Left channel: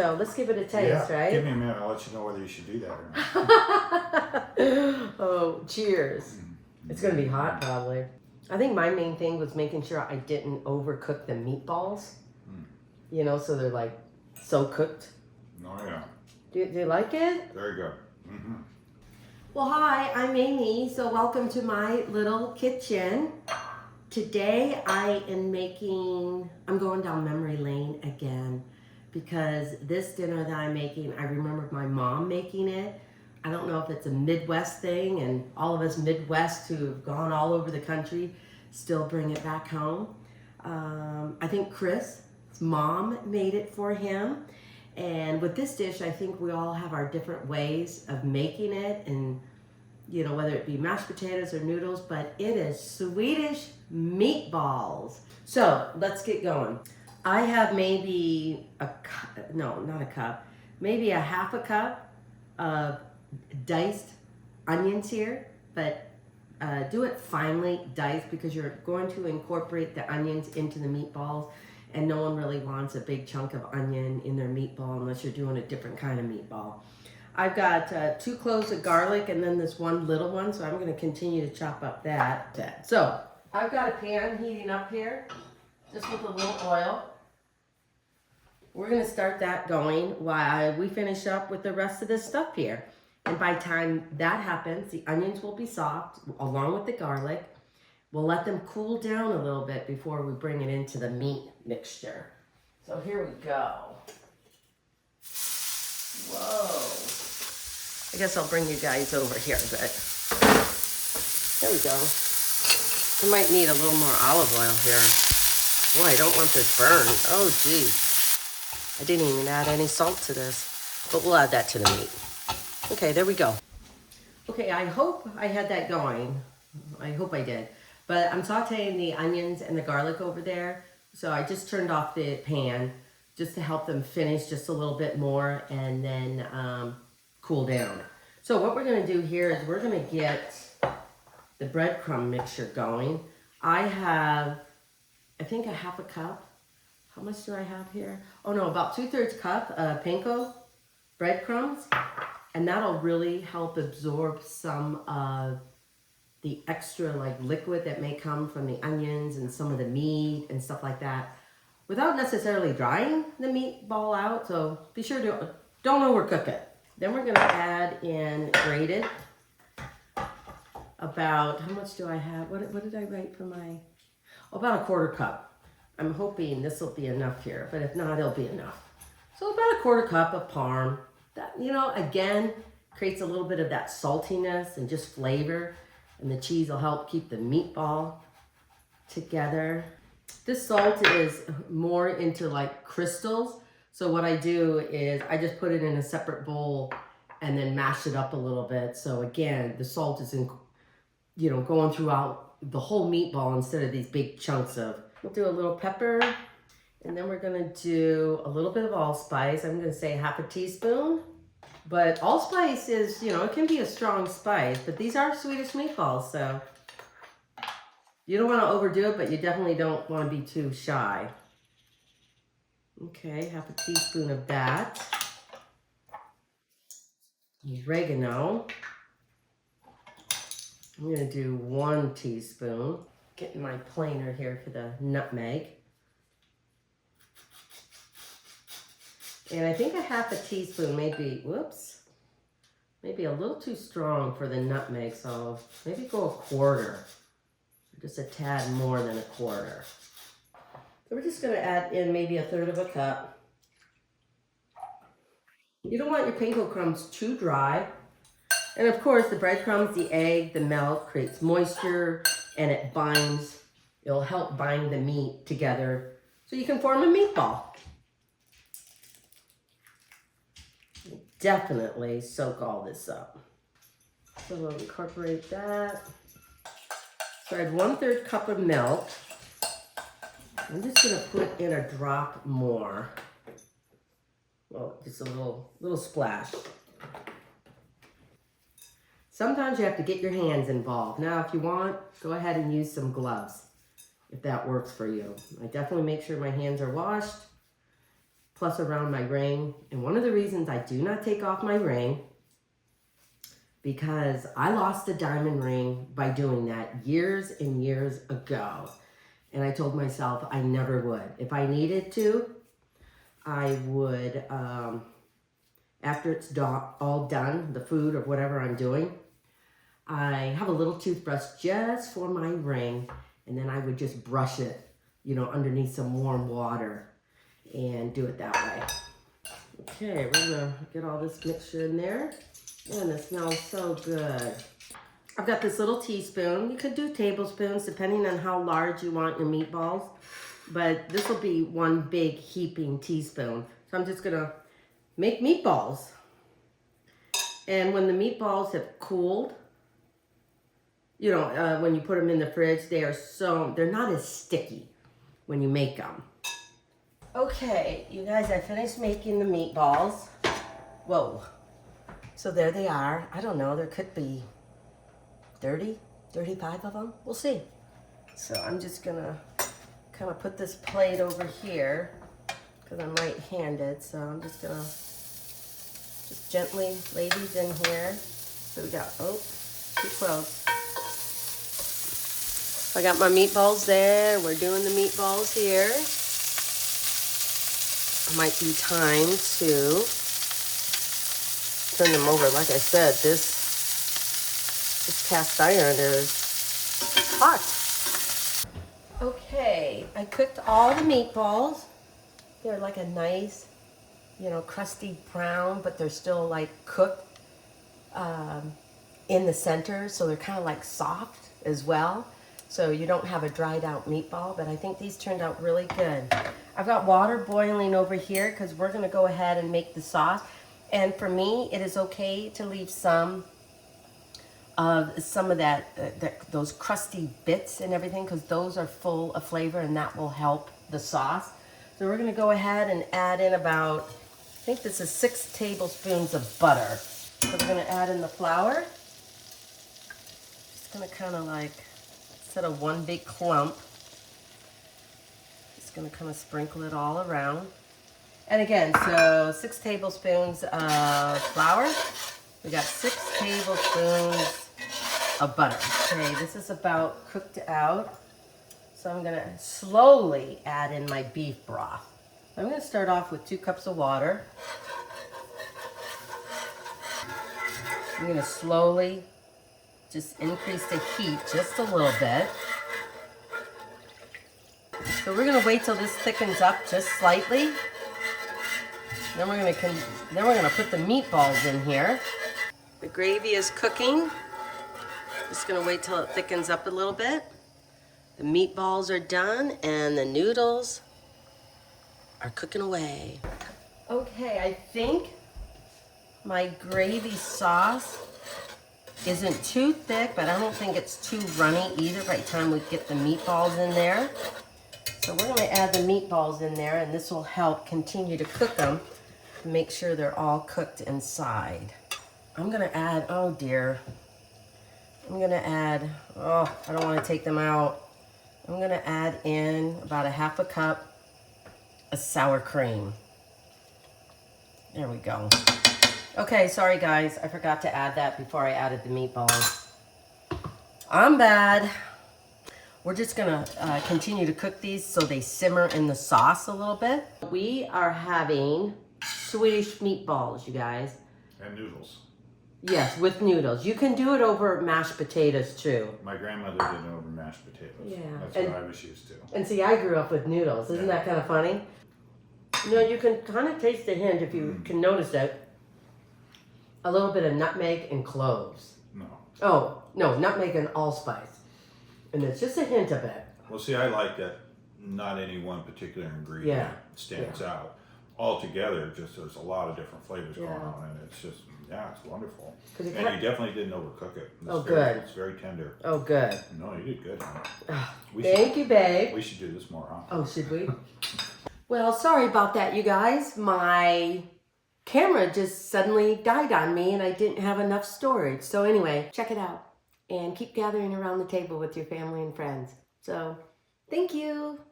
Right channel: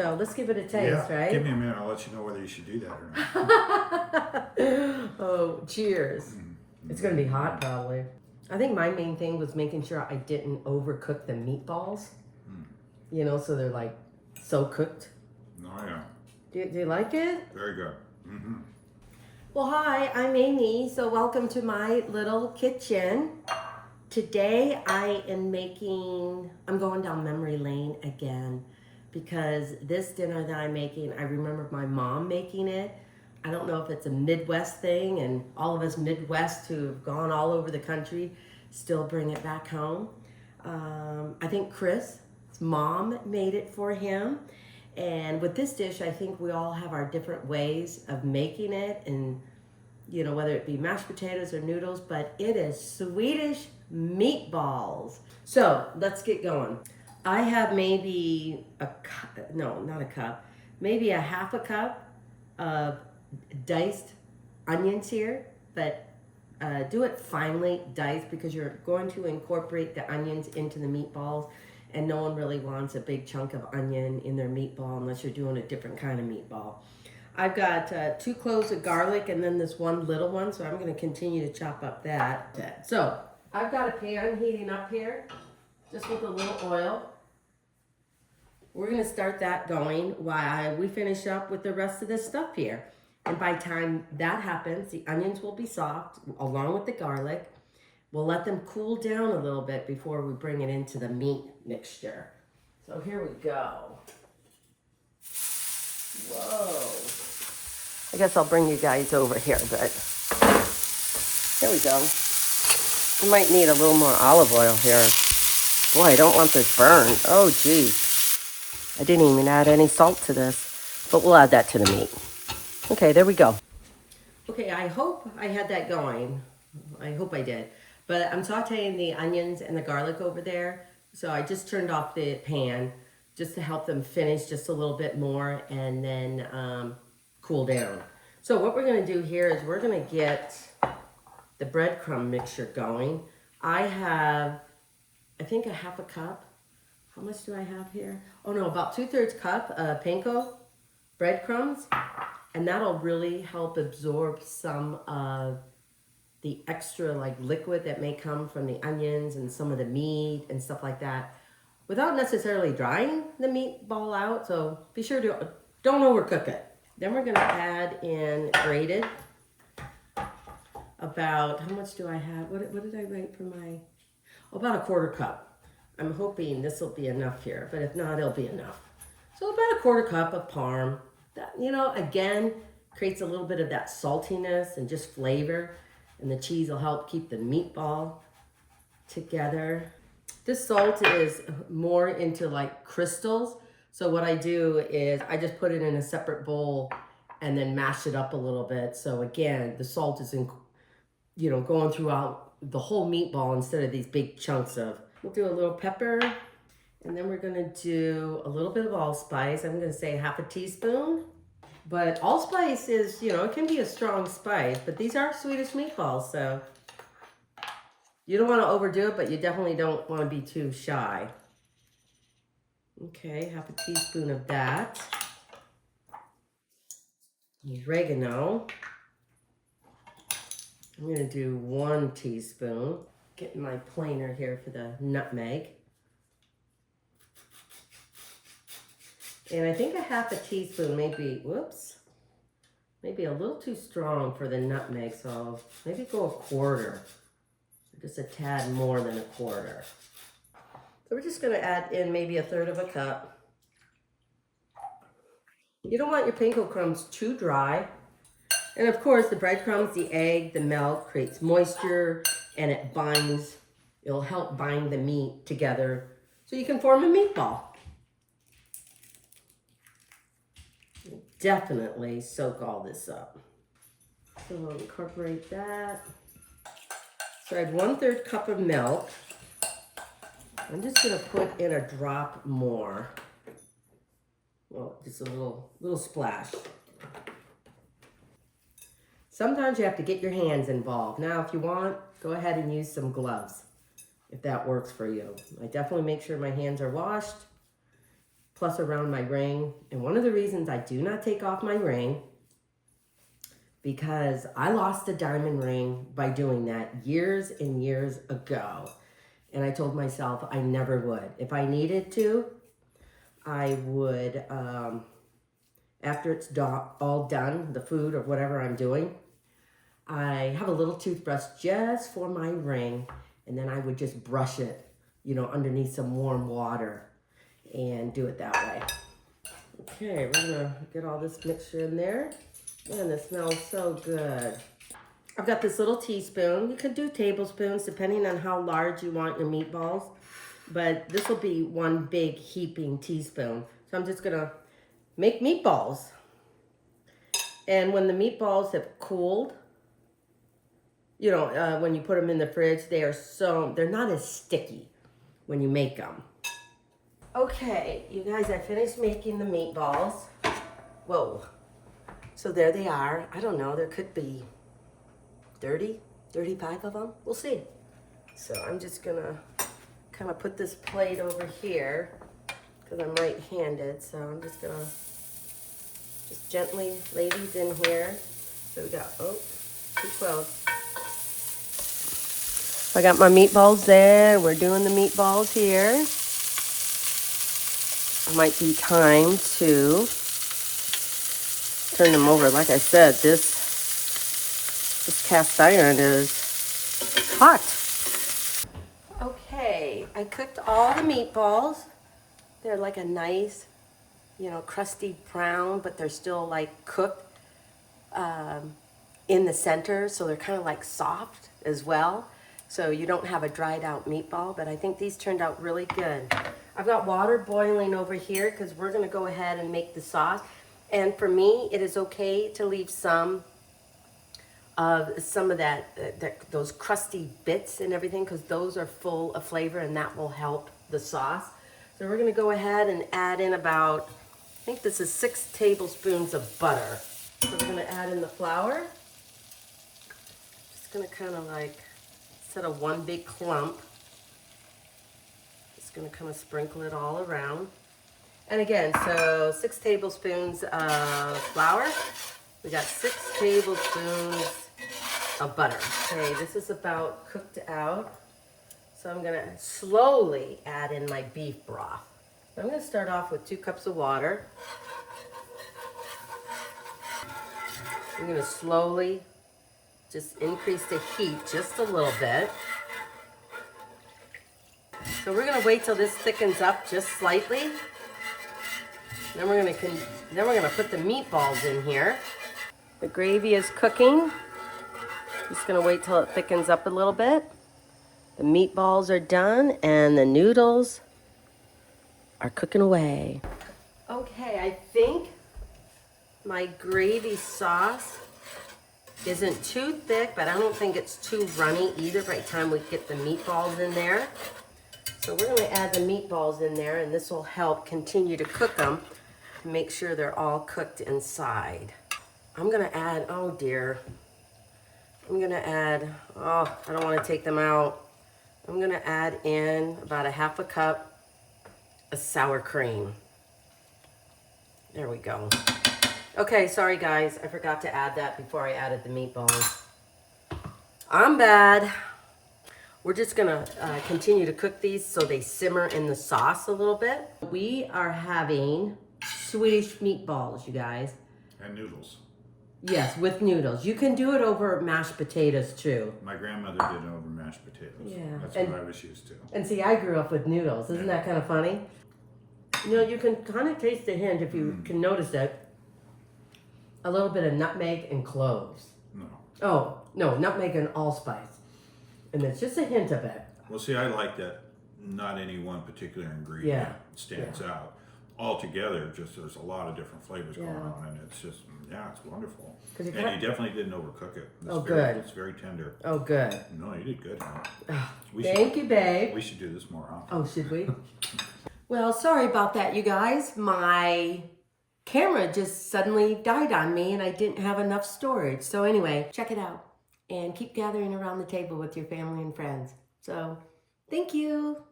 So let's give it a taste, right? Give me a minute. I'll let you know whether you should do that or not. Oh, cheers. It's going to be hot probably. I think my main thing was making sure I didn't overcook the meatballs. You know, so they're like so cooked. Oh, yeah. Do you like it? Very good. Mm-hmm. Well, hi, I'm Amy. So welcome to my little kitchen. Today I am I'm going down memory lane again because this dinner that I'm making, I remember my mom making it. I don't know if it's a Midwest thing, and all of us Midwest who have gone all over the country still bring it back home. I think Chris' mom made it for him. And with this dish, I think we all have our different ways of making it, and you know, whether it be mashed potatoes or noodles, but it is Swedish meatballs. So let's get going. I have maybe maybe a half a cup of diced onions here, but do it finely diced because you're going to incorporate the onions into the meatballs, and no one really wants a big chunk of onion in their meatball unless you're doing a different kind of meatball. I've got 2 cloves of garlic and then this one little one, so I'm going to continue to chop up that. So I've got a pan heating up here, just with a little oil. We're going to start that going while we finish up with the rest of this stuff here. And by the time that happens, the onions will be soft along with the garlic. We'll let them cool down a little bit before we bring it into the meat mixture. So here we go. Whoa. I guess I'll bring you guys over here a bit. There you go. You might need a little more olive oil here. Boy, I don't want this burned. Oh, geez. I didn't even add any salt to this, but we'll add that to the meat. Okay, there we go. Okay, I hope I had that going. I hope I did. But I'm sauteing the onions and the garlic over there. So I just turned off the pan just to help them finish just a little bit more and then cool down. So what we're going to do here is we're going to get the breadcrumb mixture going. I have, I think, a half a cup. How much do I have here? Oh no, about 2/3 cup of panko breadcrumbs. And that'll really help absorb some of the extra like liquid that may come from the onions and some of the meat and stuff like that without necessarily drying the meatball out. So be sure to don't overcook it. Then we're gonna add in grated about, how much do I have? What did I write for my, about a 1/4 cup. I'm hoping this will be enough here, but if not, it'll be enough. So about a 1/4 cup of Parm. That, you know, again, creates a little bit of that saltiness and just flavor. And the cheese will help keep the meatball together. This salt is more into like crystals. So what I do is I just put it in a separate bowl and then mash it up a little bit. So again, the salt is going throughout the whole meatball instead of these big chunks of. We'll do a little pepper, and then we're gonna do a little bit of allspice. I'm gonna say half a teaspoon. But allspice is, you know, it can be a strong spice, but these are Swedish meatballs, so you don't want to overdo it, but you definitely don't want to be too shy. Okay, half a teaspoon of that. Oregano. I'm going to do 1 teaspoon. Getting my planer here for the nutmeg. And I think a half a teaspoon maybe a little too strong for the nutmeg, so maybe go 1/4. Just a tad more than 1/4. So we're just gonna add in maybe 1/3 of a cup. You don't want your panko crumbs too dry. And of course, the breadcrumbs, the egg, the milk creates moisture, and it'll help bind the meat together so you can form a meatball. Definitely soak all this up. So we'll incorporate that. So I had 1/3 cup of milk. I'm just gonna put in a drop more. Well, just a little splash. Sometimes you have to get your hands involved. Now, if you want, go ahead and use some gloves, if that works for you. I definitely make sure my hands are washed. plus around my ring. And one of the reasons I do not take off my ring, because I lost a diamond ring by doing that years and years ago. And I told myself I never would. If I needed to, I would, after it's all done, the food or whatever I'm doing, I have a little toothbrush just for my ring, and then I would just brush it, you know, underneath some warm water and do it that way. Okay, we're gonna get all this mixture in there. And it smells so good. I've got this little teaspoon. You could do tablespoons depending on how large you want your meatballs, but this will be one big heaping teaspoon. So I'm just gonna make meatballs. And when the meatballs have cooled, you know, when you put them in the fridge, they're not as sticky when you make them. Okay, you guys, I finished making the meatballs. Whoa. So there they are. I don't know, there could be 30, 35 of them. We'll see. So I'm just gonna kind of put this plate over here because I'm right-handed. So I'm just gonna just gently lay these in here. So we got, oh, too close. I got my meatballs there. We're doing the meatballs here. It might be time to turn them over. Like I said, this cast iron is hot. Okay, I cooked all the meatballs. They're like a nice, you know, crusty brown, but they're still like cooked in the center, so they're kind of like soft as well. So you don't have a dried out meatball, but I think these turned out really good. I've got water boiling over here because we're gonna go ahead and make the sauce. And for me, it is okay to leave some of those crusty bits and everything, because those are full of flavor and that will help the sauce. So we're gonna go ahead and add in about, I think this is 6 tablespoons of butter. So we're gonna add in the flour. Just gonna kind of like, instead of one big clump, just gonna kind of sprinkle it all around. And again, so 6 tablespoons of flour. We got 6 tablespoons of butter. Okay, this is about cooked out. So I'm gonna slowly add in my beef broth. I'm gonna start off with 2 cups of water. I'm gonna slowly just increase the heat just a little bit. So we're gonna wait till this thickens up just slightly. Then we're gonna put the meatballs in here. The gravy is cooking. Just gonna wait till it thickens up a little bit. The meatballs are done and the noodles are cooking away. Okay, I think my gravy sauce isn't too thick, but I don't think it's too runny either by the time we get the meatballs in there. So we're gonna add the meatballs in there, and this will help continue to cook them to make sure they're all cooked inside. I'm gonna add, oh dear. I'm gonna add, oh, I don't wanna take them out. I'm gonna add in about a half a cup of sour cream. There we go. Okay, sorry guys, I forgot to add that before I added the meatballs. I'm bad. We're just gonna continue to cook these so they simmer in the sauce a little bit. We are having Swedish meatballs, you guys. And noodles. Yes, with noodles. You can do it over mashed potatoes too. My grandmother did it over mashed potatoes. Yeah. That's And- what I was used to. And see, I grew up with noodles. Isn't Yeah. that kind of funny? You know, you can kind of taste the hint, if you can notice it. A little bit of nutmeg and cloves. No. Oh, no, nutmeg and allspice. And there's just a hint of it. Well, see, I like that not any one particular ingredient Yeah. stands out. Altogether, just there's a lot of different flavors going Yeah. on, and it's just, yeah, it's wonderful. 'Cause it And kin- you definitely didn't overcook it. It's Oh, very, good. It's very tender. Oh, good. No, you did good. Honey. Ah, We Thank you, babe. We should do this more often. Oh, should we? Well, sorry about that, you guys. My camera just suddenly died on me and I didn't have enough storage. So anyway, check it out and keep gathering around the table with your family and friends. So, thank you.